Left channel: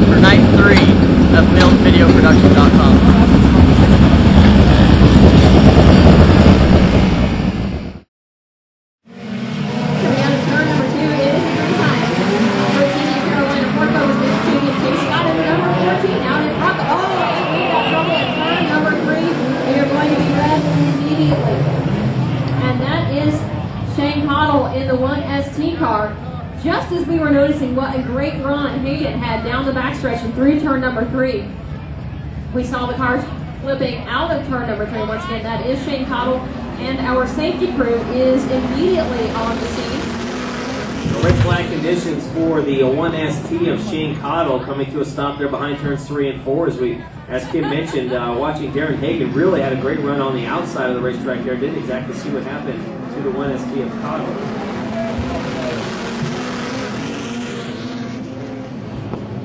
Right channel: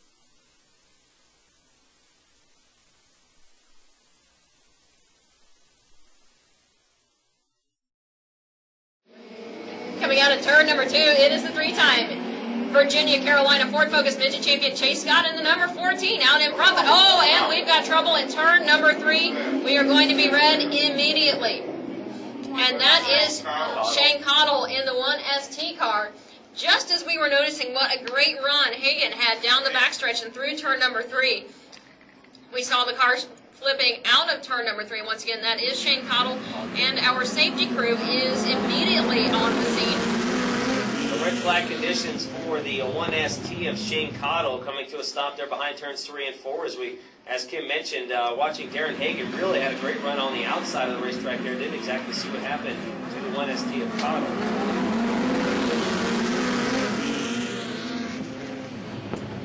start for night 3 of MillsVideoProduction.com. Chase Scott in the number 14 out in front. Oh, and we've got trouble at turn number 3. We are going to be red immediately. And that is Shane Cottle in the 1ST car. Just as we were noticing what a great run Hagan had down the backstretch and through turn number 3, we saw the cars flipping out of turn number 3. Once again, that is Shane Cottle, and our safety crew is immediately on the scene. Red flag conditions for the 1ST of Shane Cottle coming to a stop there behind turns 3 and 4 as Kim mentioned, watching Darren Hagan really had a great run on the outside of the racetrack there. Didn't exactly see what happened to the 1ST of Cottle.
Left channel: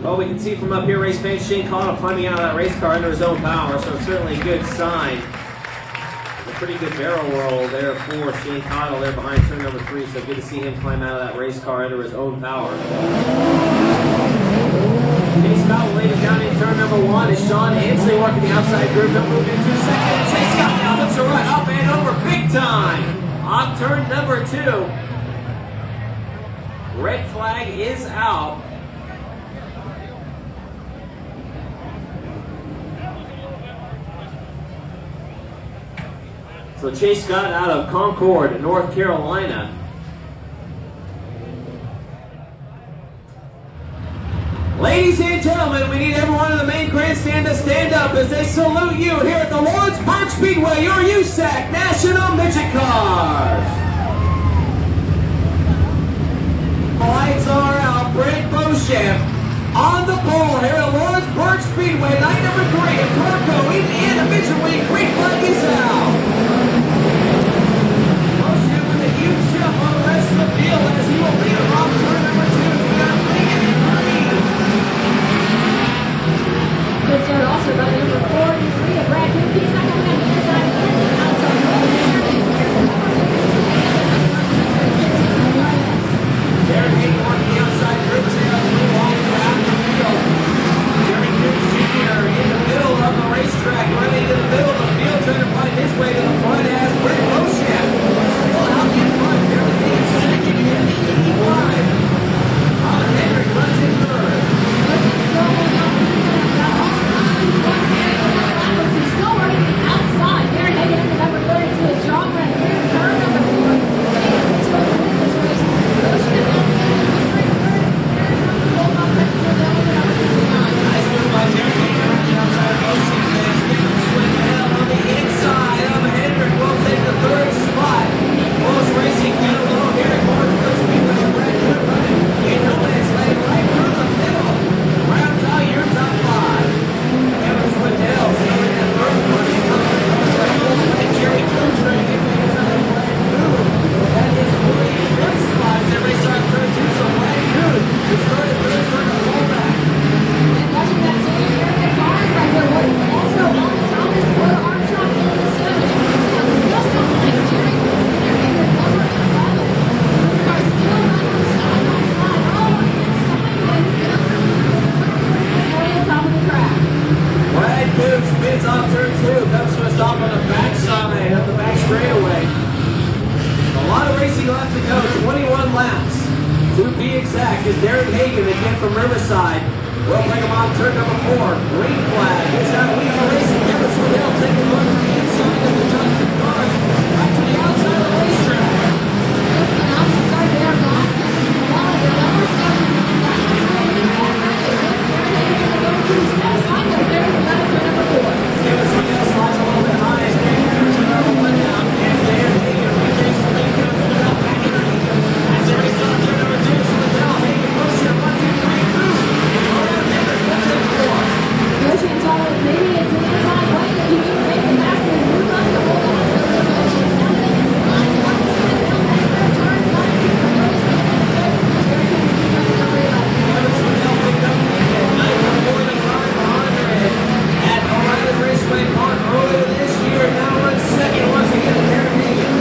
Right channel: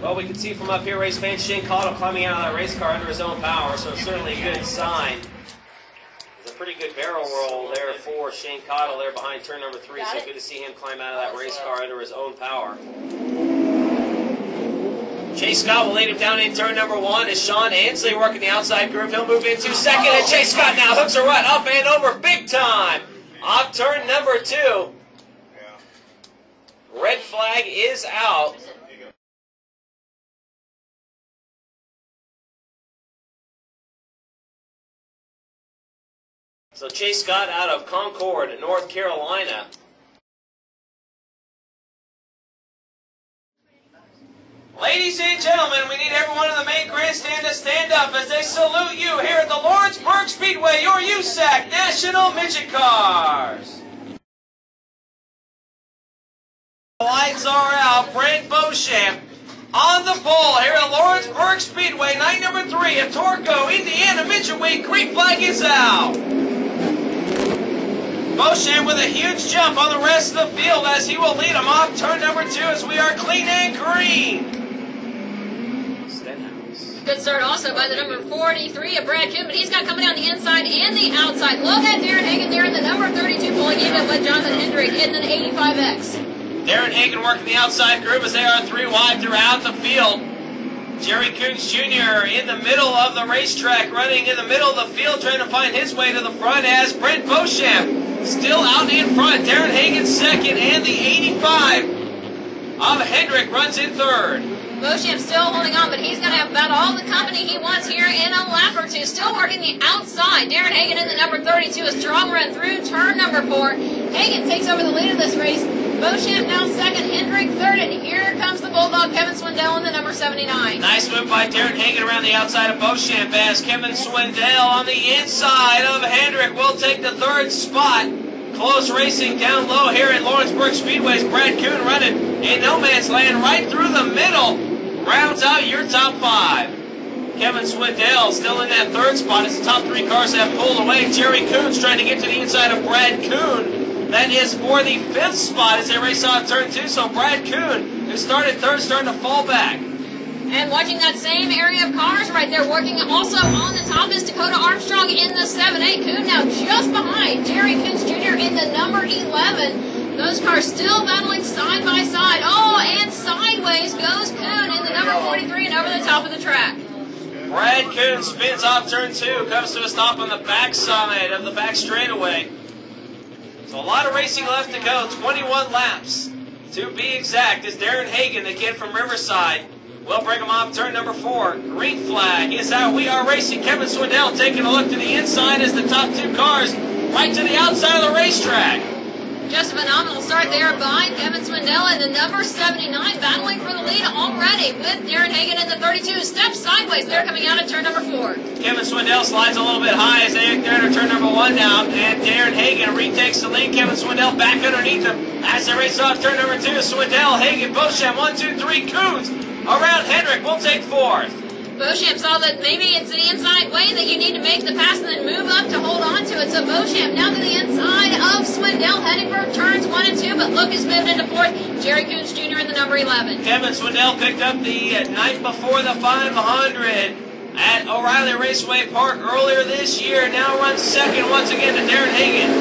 Well, we can see from up here, race fans, Shane Cottle climbing out of that race car under his own power, so it's certainly a good sign. Pretty good barrel roll there for Shane Cottle there behind turn number 3, so good to see him climb out of that race car under his own power. Chase Scott will lead it down in turn number 1 as Sean Ansley working the outside groove. He'll move into second, and Chase Scott now hooks a run up and over big time on turn number 2. Red flag is out. So Chase Scott out of Concord, North Carolina. Ladies and gentlemen, we need everyone in the main grandstand to stand up as they salute you here at the Lawrenceburg Speedway, your USAC National Midget Cars. The lights are out. Brent Beauchamp on the ball here at Lawrenceburg Speedway, night number 3 of Torco, Indiana Midget Week. Green flag is out. Beauchamp with a huge jump on the rest of the field as he will lead them off turn number 2 as we are clean and green. Good start also by the number 43 of Brad Coop, but he's not coming on the inside and the outside. Look at Darren Hagan there in the number 32 pulling in by Jonathan Hendrick in the 85X. Darren Hagan working the outside group as they are 3 wide throughout the field. Jerry Coots Jr. in the middle of the racetrack, running in the middle of the field, trying to find his way to the front as Brent Beauchamp still out in front. Darren Hagan second, and the 85 of Hendrick runs in third. Beauchamp still holding on, but he's going to have about all the company he wants here in a lap or 2. Still working the outside. Darren Hagan in the number 32 as Drum run through turn number 4. Hagan takes over the lead of this race. Beauchamp now second, Hendrick third, and here comes the Bulldog, Kevin Swindell in the number 79. Nice move by Darren Hagan around the outside of Beauchamp as Kevin Swindell on the inside of Hendrick will take the 3rd spot. Close racing down low here at Lawrenceburg Speedway's Brad Coon running in no man's land right through the middle. Rounds out your top 5. Kevin Swindell still in that 3rd spot as the top 3 cars have pulled away. Jerry Coons trying to get to the inside of Brad Coon. That is for the 5th spot as they race on turn 2. So Brad Coon, who started 3rd, starting to fall back. And watching that same area of cars right there, working also on the top is Dakota Armstrong in the 7-8. Coon now just behind Jerry Coons Jr. in the number 11. Those cars still battling side by side. Oh, and sideways goes Coon in the number 43 and over the top of the track. Brad Coon spins off turn 2, comes to a stop on the backside of the back straightaway. A lot of racing left to go, 21 laps to be exact, as Darren Hagan again from Riverside will bring him on turn number 4. Green flag is out. We are racing. Kevin Swindell taking a look to the inside as the top 2 cars right to the outside of the racetrack. Just a phenomenal start there behind Kevin Swindell and the number 79 battling for the lead already with Darren Hagan in the 32. Steps sideways there coming out of turn number 4. Kevin Swindell slides a little bit high as they enter turn number 1 down, and Darren Hagan retakes the lead. Kevin Swindell back underneath him as they race off turn number 2. Swindell, Hagan, Beauchamp, 1, 2, 3, Coons around Hendrick will take 4th. Beauchamp saw that maybe it's the inside way that you need to make the pass and then move up to hold on to it. So Beauchamp now to the inside of Swindell, heading for turns 1 and 2, but Lucas getting into 4th. Jerry Coons Jr. in the number 11. Kevin Swindell picked up the night before the 500 at O'Reilly Raceway Park earlier this year. Now runs second once again to Darren Hagan.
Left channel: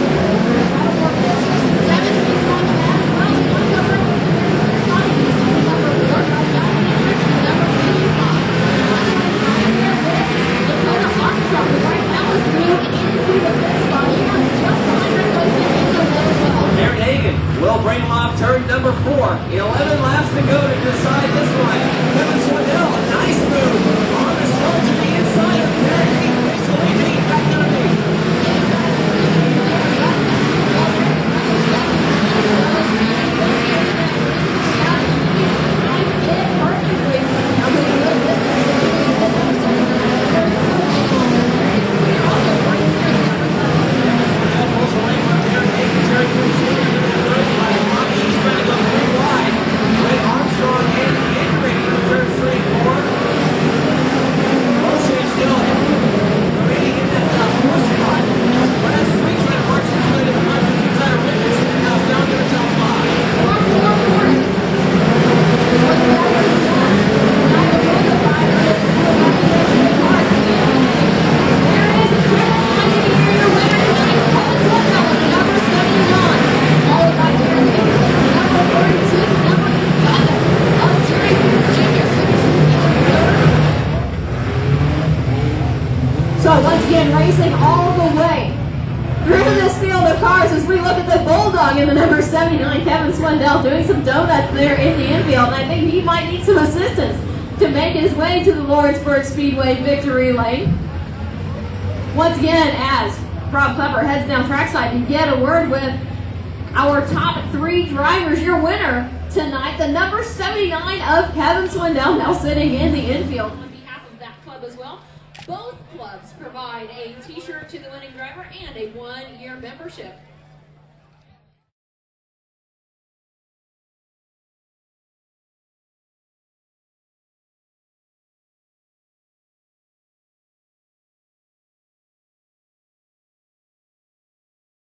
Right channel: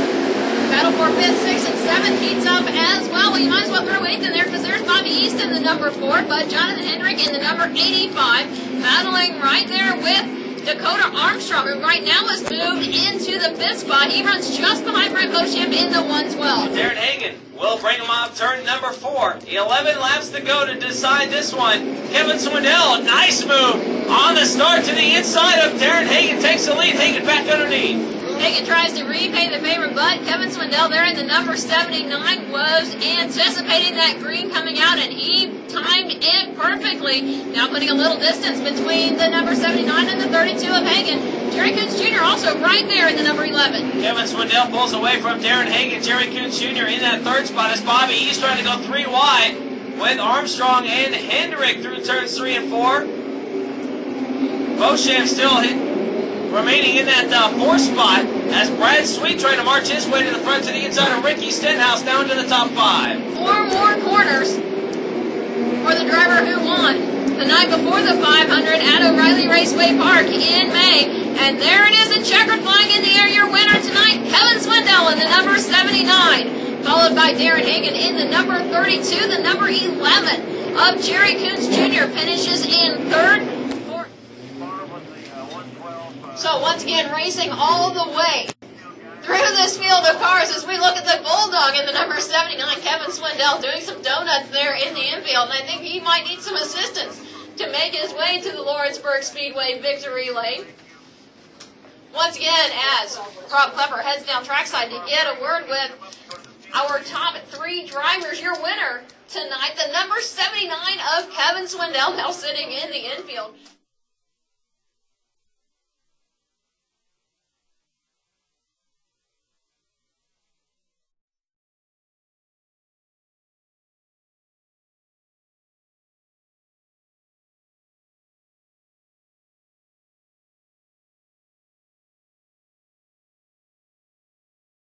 Battle for 5th, 6th, and 7th heats up as well. We might as well throw 8th in there because there's Bobby East in the number 4, but Jonathan Hendrick in the number 8. runs just behind Brett Beauchamp in the 112. Darren Hagan will bring him off turn number 4. 11 laps to go to decide this one. Kevin Swindell, nice move on the start to the inside of Darren Hagan. Takes the lead. Hagan back underneath. Hagan tries to repay the favor, but Kevin Swindell there at the number 79 was anticipating that green coming out, and he timed it perfectly. Now putting a little distance between the number 79 and the 32 of Hagan. Jerry Coons Jr. also right there at the number 11. Kevin Swindell pulls away from Darren Hagan. Jerry Coons Jr. in that third spot is Bobby. He's trying to go 3 wide with Armstrong and Hendrick through turns 3 and 4. Beauchamp still remaining in that 4th spot as Brad Sweet trying to march his way to the front to the inside of Ricky Stenhouse down to the top 5. 4 more corners for the driver who won the night before the 500 at O'Reilly Raceway Park in May. And there it is, a checker flying in the air. Your winner tonight, Kevin Swindell in the number 79, followed by Darren Hagan in the number 32. The number 11 of Jerry Coons Jr. finishes in 3rd. So once again, racing all the way through this field of cars as we look at the Bulldog in the number 79, Kevin Swindell, doing some donuts there in the infield. And I think he might need some assistance to make his way to the Lawrenceburg Speedway victory lane. Once again, as Rob Klepper heads down trackside to get a word with our top 3 drivers, your winner tonight, the number 79 of Kevin Swindell, now sitting in the infield. On behalf of that club as well, both clubs provide a t-shirt to the winning driver and a 1-year membership.